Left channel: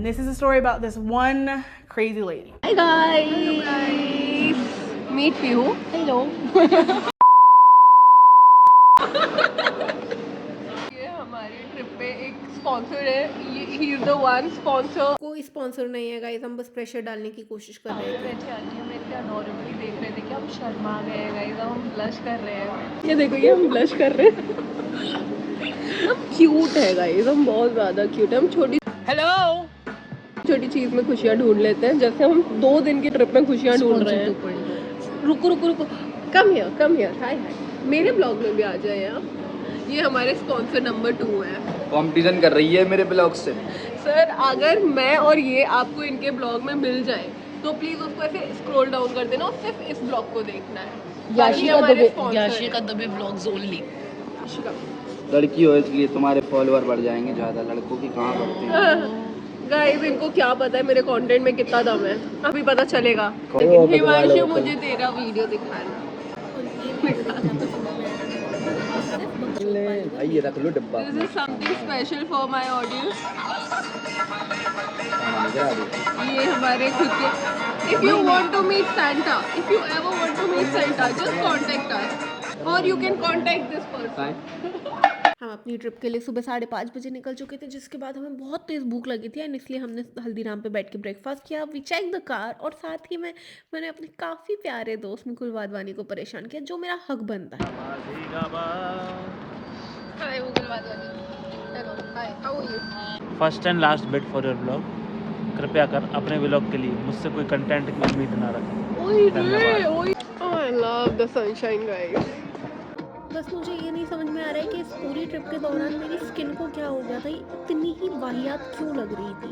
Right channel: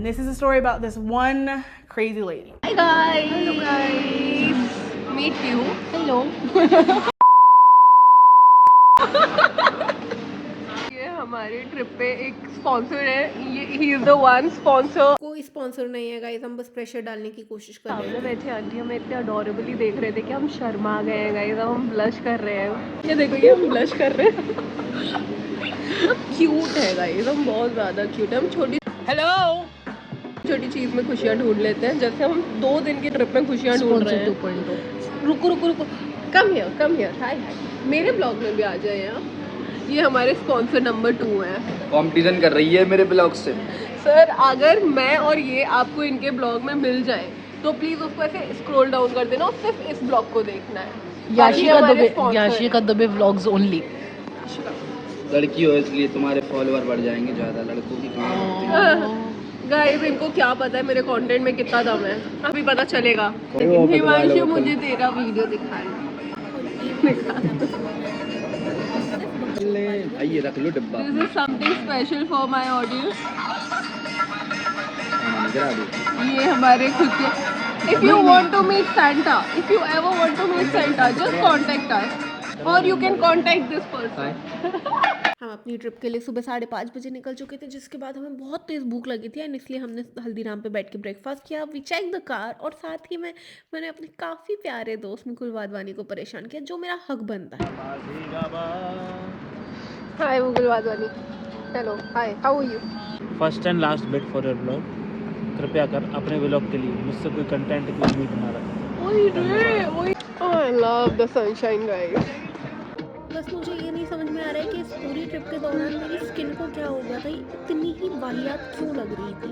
And this is a story about this one crazy lady. Hi guys. Hello guys. Meet you. Hello. ये हमारी trip पे एक sponsor है. He is the one sponsor. कोई sponsor नहीं है guys, हम बस प्रेशर डालने की कोशिश कर रहे थे. बैठे आंटी हमें इतने अडोरेबली देख रहे थे कि हम शर्मा गए हैं गाइस. हम ब्लश कर रहे हैं. ये देखो, ये हम ब्लश कर रहे हैं. क्यूट है गाइस, हम बहुत ज़्यादा क्यूट है. हम छोटी छोटी चीज़ में खुशियाँ ढूंढ लेते हैं. जैसे हम 2 दिन की ट्रिप में खुशियाँ ढूंढ रहे हैं. रुको. Come here. हाय. मेरे ब्लॉग में भी आ जाए आप. ये हमारे स्पॉन्सर नंबर 2 है. कंपटीशन कर रही है मेरे ब्लॉग से. सर, अगर मैं और ये आपको इनके ब्लॉग में मिल जाए तो प्लीज उसको ऐसे स्क्रॉल डाउन कर देना और सिर्फ इस ब्लॉग को देखना है. बाकी हमारे स्पॉन्सर व्लॉग्स ओनली. लड़की हो इसलिए तुम्हारे फॉलोअर बढ़ जाएंगे ज्यादा. लड़कों की कहाँ होती है. गाइस, इनको क्या पता है मेरे कंटेंट में कितना दम है. अभी पता चलेगा. लेकिन हिमांशु, मुझे तेरा वीडियो दिखाना. ये रख लो डिब्बा. This is something special for my audience. ये हमारे खुद के. If you want to meet Santa, if you ever want to meet Santa, just contact us, or you can contact this person. हम अपनी ट्रिप के लिए सुबह 5:30 बजे निकल चुके थे, जिसके बाद हमें बहुत तेज़ भूख लगी थी एंड इसलिए हमने हल्दीराम पे बैठ के ब्रेकफास्ट किया. वी चेक द कार और साथ ही मैंने अपने काफ़ी प्यारे दोस्त मुकुल वाधवानी को परेशान किया, जो मेरा हक बनता है. Hi Mukul Wadhwani. Hello. Hi. How are you? First and last bit for your blog. कृपया कर अपने व्लॉग के लिए मुझसे कोई कंटेंट की उम्मीद ना रखें. I love the sunshine guys. बस मुझे ये नहीं समझ में आ रहा है कि इस पूरी ट्रिप के दौरान मेरी स्किन को क्या हो गया था, इतनी ही वाहियात क्यों लग रही थी.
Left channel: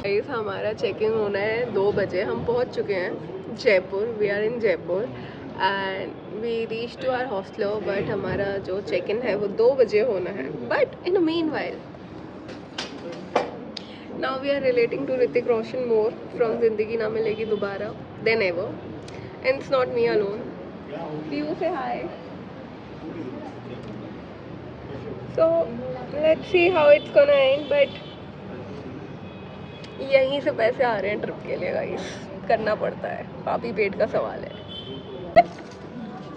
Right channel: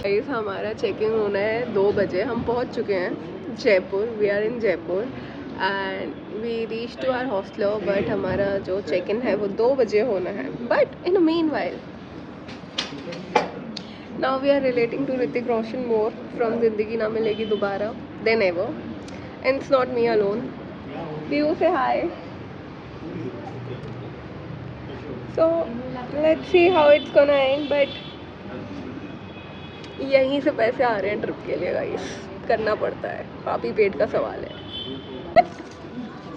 गाइस, हमारा चेक इन होना है 2 बजे. हम पहुंच चुके हैं Jaipur. We are in Jaipur and we reach to our hostel. But हमारा जो चेक इन है वो 2 बजे होना है. But in meanwhile now we are relating to Hrithik Roshan more from Zindagi Na Milegi Dobara than ever. And it's not me alone. You say hi. So let's see how it's gonna end. But यहीं से पैसे आ रहे हैं ट्रिप के लिए गाइस. करना पड़ता है. पापी पेट का सवाल है.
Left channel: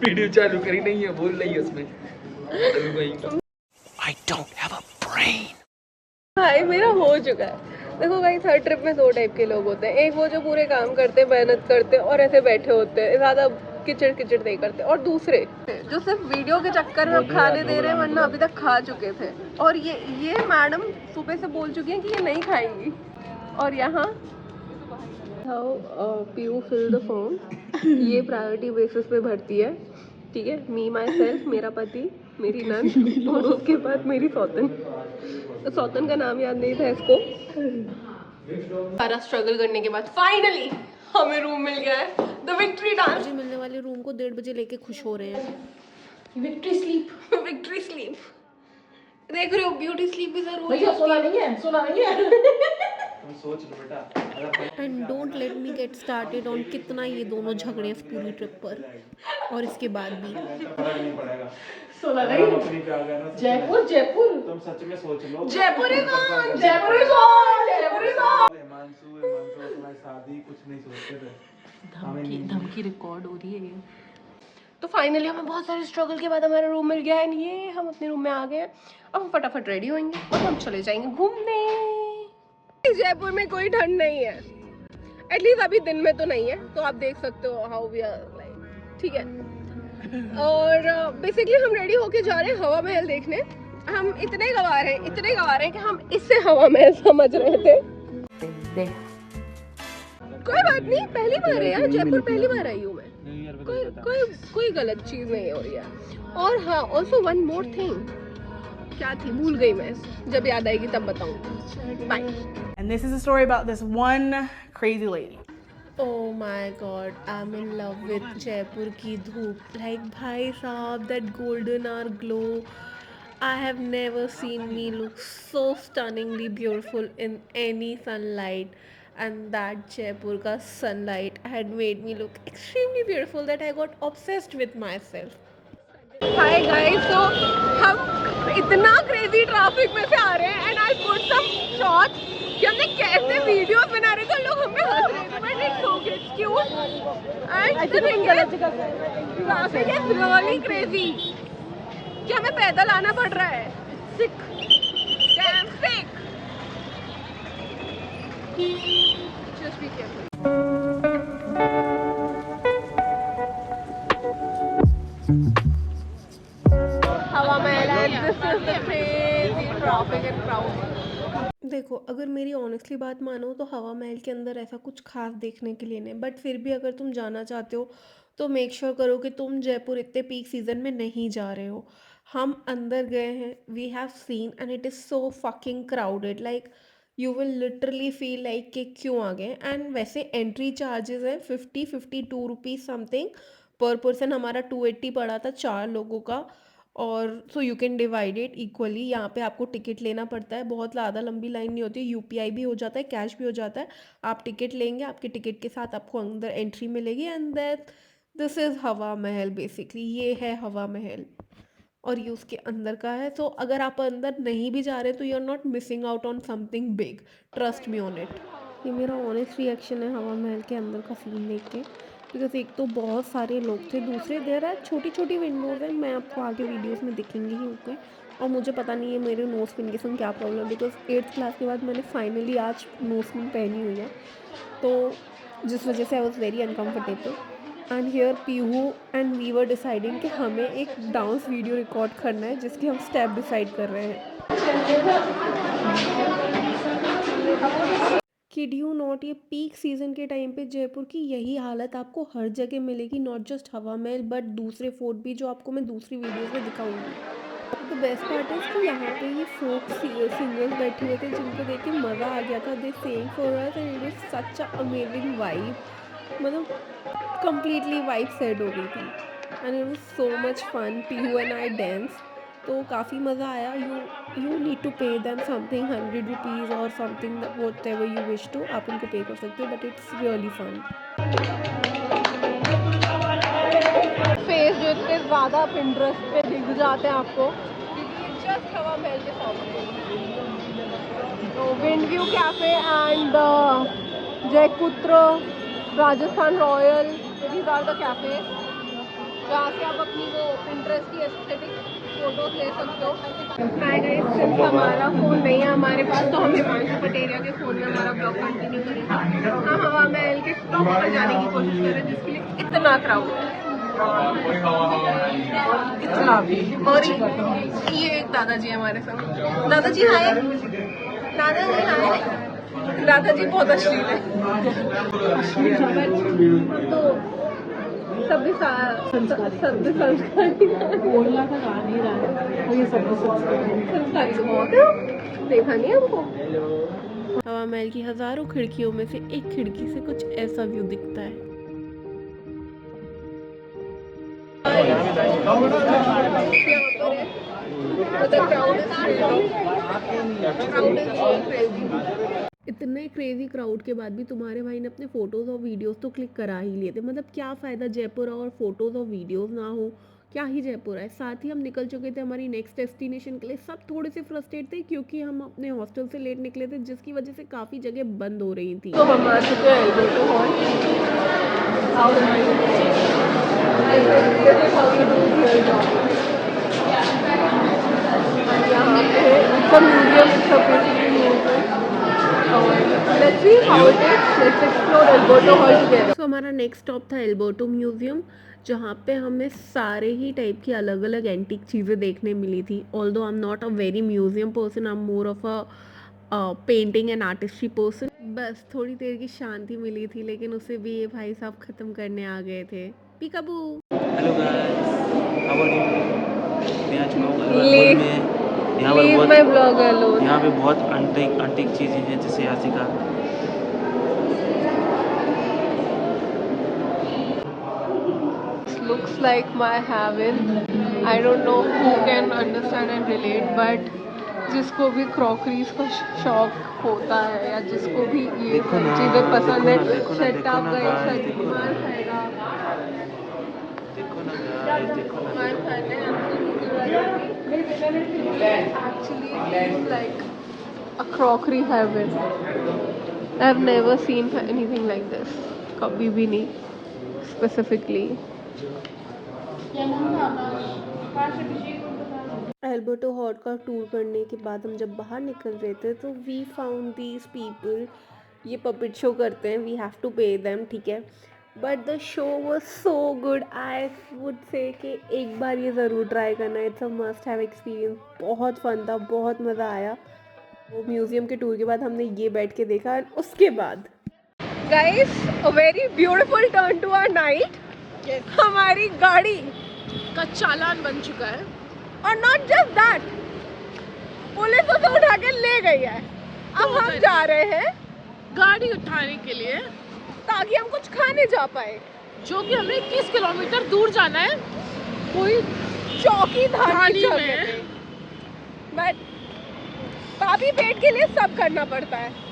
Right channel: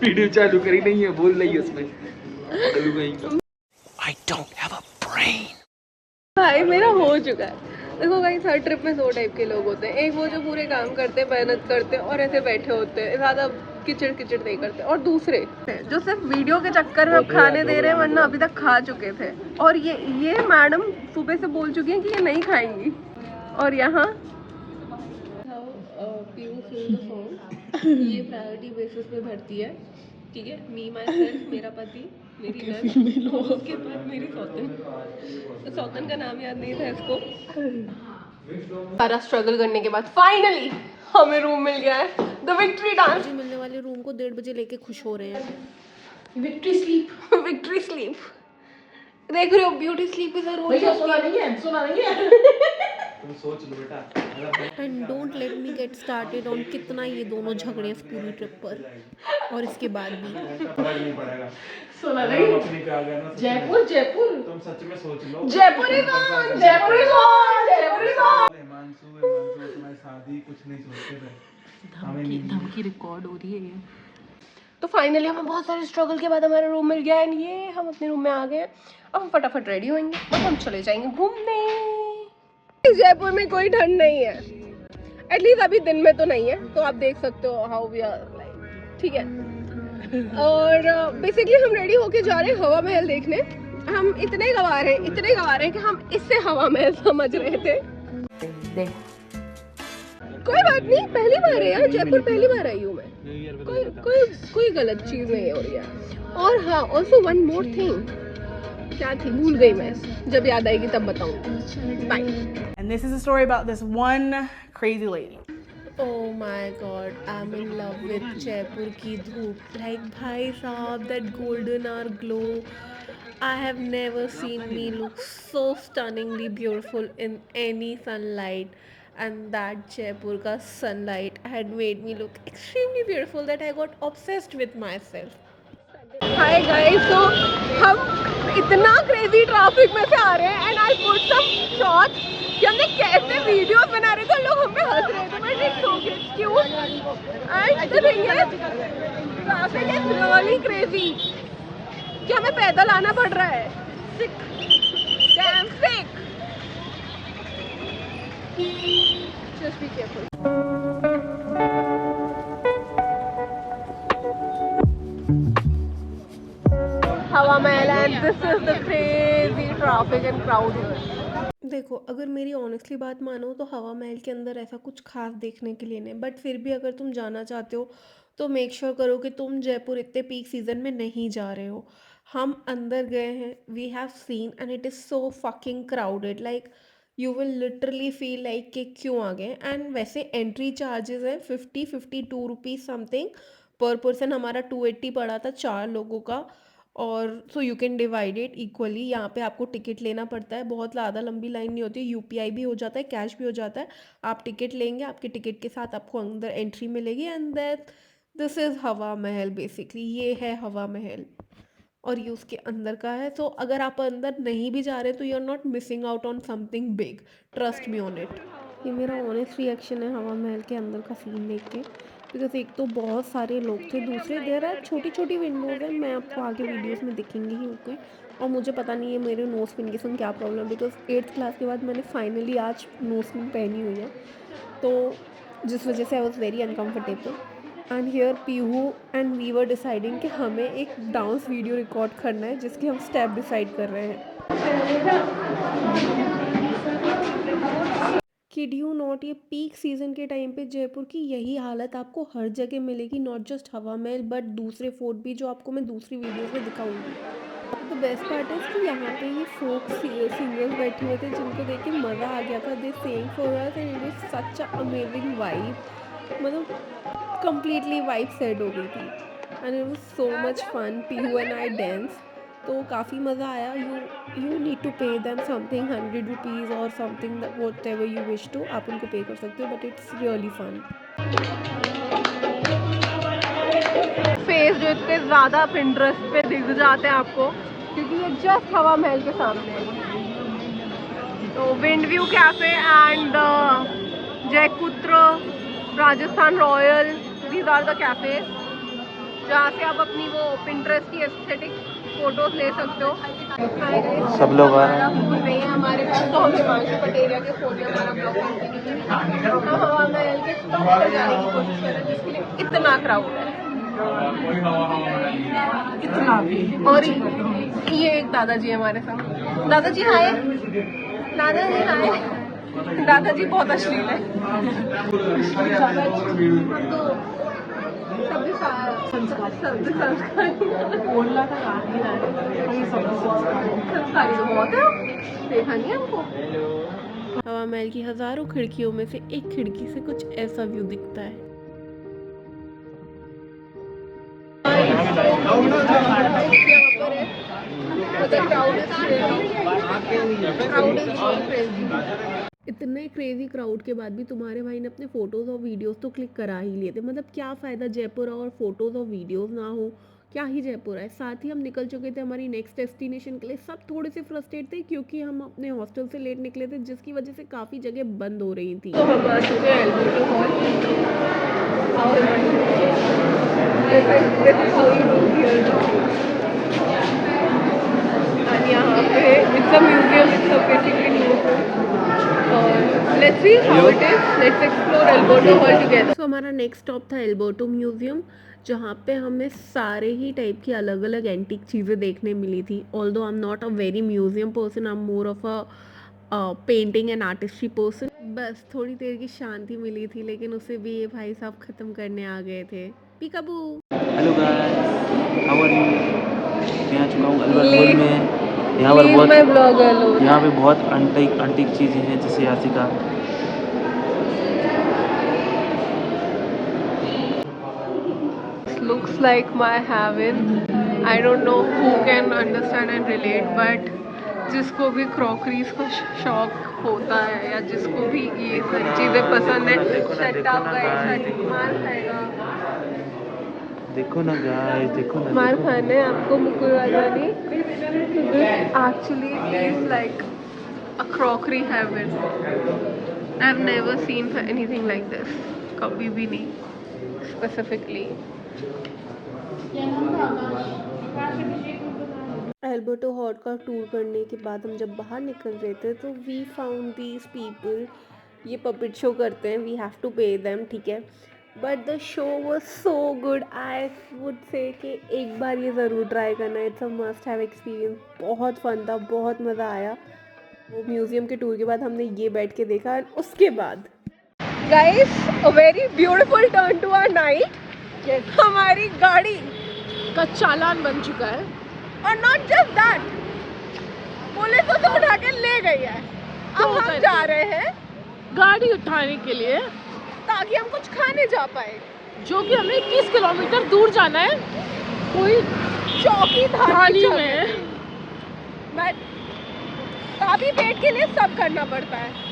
वीडियो चालू करी नहीं है, बोल रही है उसमें. I don't have a brain. भाई मेरा हो चुका है. देखो गाइस, हर ट्रिप में 2 टाइप के लोग होते हैं. एक वो जो पूरे काम करते हैं, मेहनत करते हैं और ऐसे बैठे होते हैं, ज़्यादा किचड़ नहीं करते. और दूसरे जो सिर्फ वीडियो के चक्कर में खाने दे रहे हैं, वरना अभी तक खा चुके थे. और ये मैडम सुबह से बोल चुकी हैं कि ये नहीं खाएंगी. और यहाँ पीयू फिल द फॉर्म. ये प्रायोरिटी बेसिस पे भरती है. ठीक है. मी माई सेल्फ, मेरा पति, मेरी नंद और उसके बाद मेरी सौतन का नाम याद नहीं था इसको. सारा स्ट्रगल करने के बाद फाइनली हमें रूम मिल गया है. The victory dance. मुझे मिलने वाले रूम को 1:30 बजे लेके खुश हो रहे हैं. Victory sleep. देख रहे हो, ब्यूटी स्लीप इज अ रोज. सोना नहीं है. तुम सोच लो बेटा. And don't let me get started on कितना ये दोनों झगड़े इस पूरी ट्रिप पर और इसके बाद भी. सोना नहीं. जयपुर. तुम सच में सोच लो. Jaipur is on. तुम्हारी शादी कुछ नहीं सोचते थे. धमकी रिकॉर्ड हो रही है. तो फाइनली हमें बहुत सारे स्ट्रगल के बाद हमारा रूम मिल गया. एंड ये हम अपने रूम में आ गए. अब हम फटाफट रेडी होंगे और हम चले जाएंगे घूमने. जयपुर में कोई ठंड नहीं है. एटलीस्ट अभी दिन में तो नहीं है. तो आप देख सकते हो हाउ वी आर लाइक. ठीक है. और बेसिकली हम रेडी होके जा रहे हैं हवा महल देखने. हम इतने गवार हैं कि हम इससे हवा महल समझ रहे थे. कोई बात नहीं, पहली बार है यार जयपुर. पहली बार आई हूँ मैं. कोई गलत चीज नहीं हो रही है. और हाँ, ऑल्सो वन मोर थिंग. क्या थी, भूल गई मैं. जब याद आएगी तब बताऊँ. Bye. And this is a story about this one crazy lady. Oh my god, I'm in love with Jaipur की धूप. Like भाई साहब, that golden hour glow. I have never seen me look so stunningly beautiful in any sunlight. And that Jaipur ka sunlight had made me look extremely beautiful that I got obsessed with myself. Hi guys, तो हम इतना crazy traffic में से आ रहे हैं and I put some shots कि हमने कैसे वीडियोस बना रहे थे, लोग हम पे हंस रहे थे, but it's so cute and the thing is traffic is really crazy कि हमें पैदल आना पड़ रहा है। Damn sick. Just be careful. Hawa Mahal, and this is the crazy traffic and crowd here. देखो, अगर मेरी ऑनेस्टली बात मानो तो हवा महल के अंदर ऐसा कुछ खास देखने के लिए नहीं, बट फिर भी अगर तुम जाना चाहते हो तो मेक श्योर करो कि तुम जयपुर इतने पीक सीजन में नहीं जा रहे हो। हम अंदर गए हैं, we have seen and it is so fucking crowded, like you will literally feel like कि क्यों आ गए। एंड वैसे एंट्री चार्जेस हैं 52 रुपीज़ समथिंग पर पर्सन, हमारा 280 पड़ा था 4 लोगों का। और so you can divide it equally. यहाँ पे आपको टिकट लेना पड़ता है, बहुत ज़्यादा लंबी लाइन नहीं होती, यूपीआई भी हो जाता है, कैश भी हो जाता है। आप टिकट लेंगे, आपके टिकट के साथ आपको अंदर एंट्री मिलेगी एंड दैट दिस इज़ हवा महल बेसिकली। ये है हवा महल और ये उसके अंदर का है। सो अगर आप अंदर नहीं भी जा रहे तो you are not missing out on something big, trust me on it. ये मेरा ऑनेस्ट रिएक्शन है हवा महल के अंदर का सीन देख के, बिकॉज एक तो बहुत सारे लोग थे, दूसरे देर है छोटी छोटी विंडोज़ हैं, मैं आपको आगे वीडियोस में दिखेंगी ही ओके। और मुझे पता नहीं है मेरे नोज पिन के संग क्या प्रॉब्लम है, बिकॉज 8th क्लास के बाद मैंने फाइनली आज नोज पिन पहनी हुई है, तो जिस वजह से I was very uncomfortable. And here Pihu and we were deciding कि हमें एक डांस वीडियो रिकॉर्ड करना है जिसके हम स्टेप डिसाइड कर रहे हैं। किड यू नॉट, ये पीक सीज़न के टाइम पे जयपुर की यही हालत आपको हर जगह मिलेगी, नॉट जस्ट हवा महल बट दूसरे फोर्ट भी, जो आपको मैं दूसरी वीडियोस में दिखाऊंगी। द बेस्ट पार्ट इज़ कि यहाँ पे ये फोक सिंगर्स बैठे हुए थे जिनको देख के मज़ा आ गया था। They saying for us and it was such a amazing vibe, मतलब कम्प्लीटली वाइब सेट हो गई थी and it was so much fun. Pihu and I dance, तो काफ़ी मज़ा आया। You need to pay them something 100 rupees और something what you wish to, आप उनको पे कर सकते हो, but it's really fun. Face जो इतने ज़्यादा पिंटरेस्ट पे दिख जाते हैं आपको, क्योंकि ये जस्ट हवा महल के सामने है। तो विंड व्यू कैफे एंड जयपुत्र Rajasthan royal, these are the cafe जहाँ से आप अपनी वो पिंटरेस्ट की एस्थेटिक फोटोज ले सकते हो। सब लोग हमारा फोन नहीं है हमारे पास, तो हमें हिमांशु पटेरिया के फोन में हमारा ब्लॉग कंटिन्यू करेगा। तो हम हवा महल के टॉप पर जाने की कोशिश करें जिसके लिए इतना क्राउड है, इतना। और ये एक दादाजी हमारे संग। दादाजी हाय, दादाजी हाय। दादाजी बहुत अश्लील है। सभी संस्कारी तो बहुत है, देखा नहीं हमको। हवा महल की हज़ारों खिड़कियों में से एक खिड़की से कुछ ऐसा व्यू दिखता है। इतने क्रेजी क्राउड के बाद भी तुम्हारे भाई ने अपने फ़ोटोज़ और वीडियोस तो क्लिक करा ही लिए थे, मतलब क्या फ़ायदा जयपुर और फोटोज़ और वीडियोस ना हो, क्या ही जयपुर है। साथ ही हम निकल चुके थे हमारी नेक्स्ट डेस्टिनेशन के लिए। सब थोड़े से फ्रस्ट्रेट थे क्योंकि हम अपने हॉस्टल से लेट निकले थे, जिसकी वजह से काफ़ी जगह बंद हो रही थी। तो हम आ चुके हैं एल्बर्टो हॉल। यहाँ पे it's a museum, it's a basically museum. Let's see how it is, let's explore Alberto hall together. So हमारा नेक्स्ट स्टॉप था एल्बर्टो म्यूजियम, जहाँ पे हमें सारे ही टाइप की अलग अलग एंटीक चीज़ें देखने मिली थी। Although I am not a very museum person, I am more of a painting and artistry person. बस थोड़ी देर की शांति मिली थी, लेकिन उसे भी ये भाई साहब ख़त्म करने आ गए थे। Peekaboo. Hello guys, how are you. मैं आ चुका हूँ अल्बर्ट हॉल में। यहाँ पे बहुत अंटिक चीज़ें हैं, जैसे Yashica. Looks like my heaven. I don't know who can understand and relate, but जिसको भी क्रॉकरीज का शौक होता है या जिसको भी ये सारी चीज़ें पसंद है, देखो ना यार, देखो ना, माल देखो ना। खाना है आपको मुकुल वाली actually is like a crockery heaven. I've never seen anything like this. कभी भी नहीं specifically. एल्बर्टो हॉल का टूर करने के बाद हम जब बाहर निकल रहे थे तो वी फाउंड दीज पीपल, ये पपेट शो करते हैं, we have to pay them, ठीक है, but the show was so good. I would say कि एक बार ये ज़रूर ट्राई करना, it's a must have experience. बहुत फन था, बहुत मज़ा आया। वो म्यूज़ियम के टूर के बाद हमने ये बैठ के देखा और उसके बाद Guys, a very beautiful turn to our night. हमारी गाड़ी का चालान बन चुका है और नॉट जस्ट दैट, पुलिस तो उठा के ले गई है। अब हम जा रहे हैं गाड़ी उठाने के लिए, ताकि हम कुछ खाने जा पाए। जो कि हमें 21 किलोमीटर दूर जाना है, कोई चौकी धानी में। बट काफी पेट के लिए सब करना पड़ता है।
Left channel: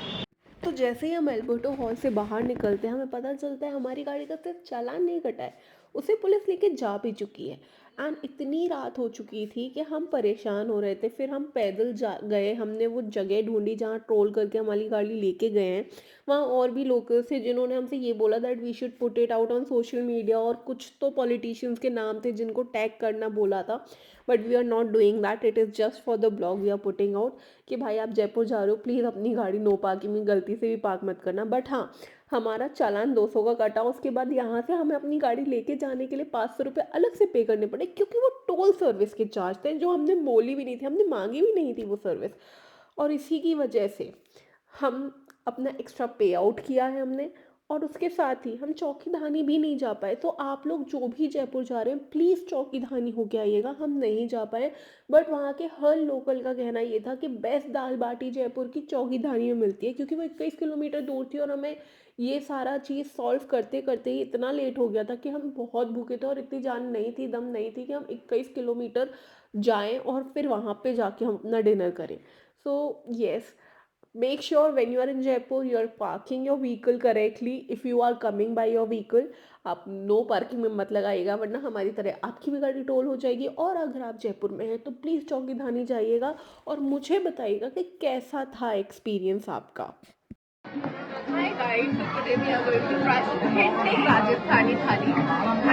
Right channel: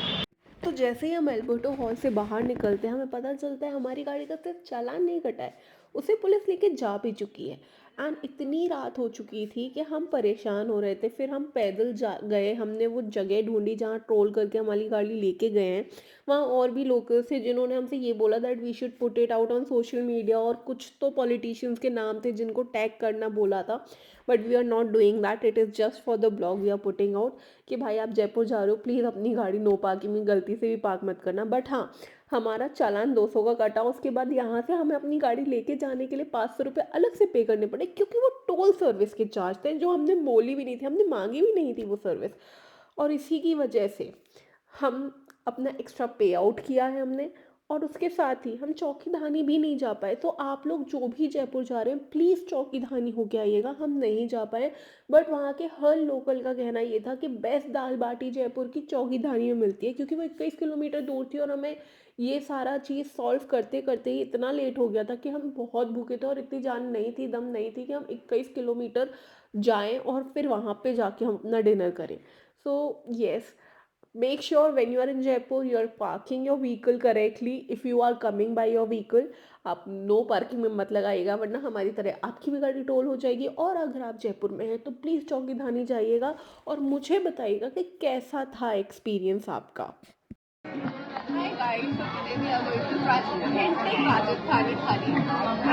तो जैसे ही हम एल्बर्टो हॉल से बाहर निकलते हैं हमें पता चलता है हमारी गाड़ी का सिर्फ चालान नहीं कटा है, उसे पुलिस लेके जा भी चुकी है। एंड इतनी रात हो चुकी थी कि हम परेशान हो रहे थे। फिर हम पैदल जा गए, हमने वो जगह ढूंढी जहाँ ट्रोल करके हमारी गाड़ी लेके गए हैं। वहाँ और भी लोकल्स थे जिन्होंने हमसे ये बोला that we should put it out on social media, और कुछ तो पॉलिटिशियंस के नाम थे जिनको टैग करना बोला था, but we are not doing that, it is just for the blog we are putting out कि भाई आप जयपुर जा रहे हो, प्लीज़ अपनी गाड़ी नो पार्किंग में गलती से भी पार्क मत करना। बट हाँ, हमारा चालान 200 का कटा। उसके बाद यहाँ से हमें अपनी गाड़ी लेके जाने के लिए 500 रुपये अलग से पे करने पड़े, क्योंकि वो टोल सर्विस के चार्ज थे जो हमने बोली भी नहीं थी, हमने मांगी भी नहीं थी वो सर्विस। और इसी की वजह से हम अपना एक्स्ट्रा पे आउट किया है हमने, और उसके साथ ही हम चौकी धानी भी नहीं जा पाए। तो आप लोग जो भी जयपुर जा रहे हैं प्लीज़ चौकी धानी होके आइएगा, हम नहीं जा पाए। बट वहाँ के हर लोकल का कहना ये था कि बेस्ट दाल बाटी जयपुर की चौकी धानी में मिलती है, क्योंकि वो 21 किलोमीटर दूर थी और हमें ये सारा चीज़ सॉल्व करते करते ही इतना लेट हो गया था कि हम बहुत भूखे थे और इतनी जान नहीं थी, दम नहीं थी कि हम 21 किलोमीटर जाएं और फिर वहाँ पे जाके हम अपना डिनर करें। So yes, make sure when you are in Jaipur you are parking your vehicle correctly. if you are coming by your vehicle, आप नो पार्किंग में मत लगाइएगा, वरना हमारी तरह आपकी भी गाड़ी टोल हो जाएगी। और अगर आप जयपुर में हैं तो प्लीज़ चौकी धानी जाइएगा और मुझे बताइएगा कि कैसा था एक्सपीरियंस आपका। Hi guys, today we are going to try authentic Rajasthani thali,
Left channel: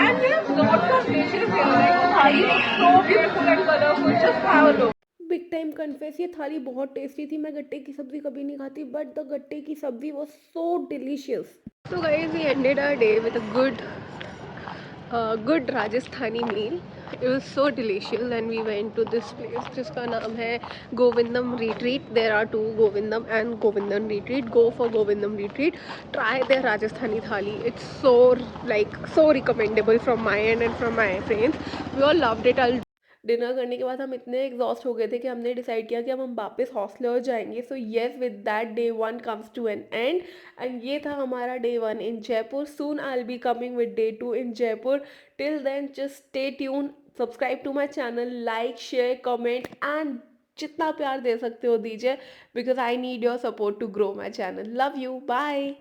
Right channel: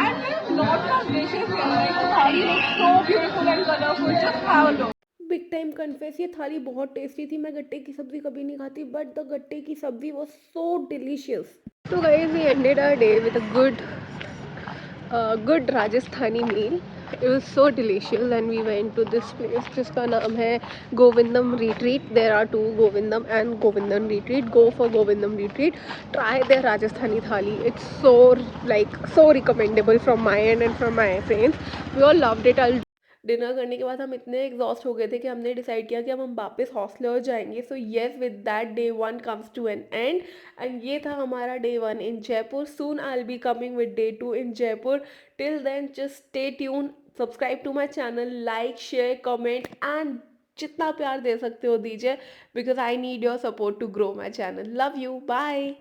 and we have lots of dishes here. Like the thali looks so beautiful and colorful. Just have a look. Big time confess, ये थाली बहुत tasty थी। मैं गट्टे की सब्ज़ी कभी नहीं खाती, बट द गट्टे की सब्ज़ी was so delicious. So guys, we ended our day with a good Rajasthani meal. It was so delicious, and we went to this place जिसका नाम है Govindam Retreat. There are two, Govindam and Govindam Retreat. Go for Govindam Retreat. Try their Rajasthani thali. It's so recommendable from my end and from my friends. We all loved it. Dinner करने के बाद हम इतने exhaust हो गए थे कि हमने डिसाइड किया कि अब हम वापस हॉस्टल जाएंगे। So yes, with that day 1 comes to an end, and ये था हमारा day 1 in Jaipur. Soon I will be coming with day 2 in Jaipur. Till then just stay tune, subscribe to my channel, like share comment and जितना प्यार दे सकते हो दीजिए, because I need your support to grow my channel. Love you, bye.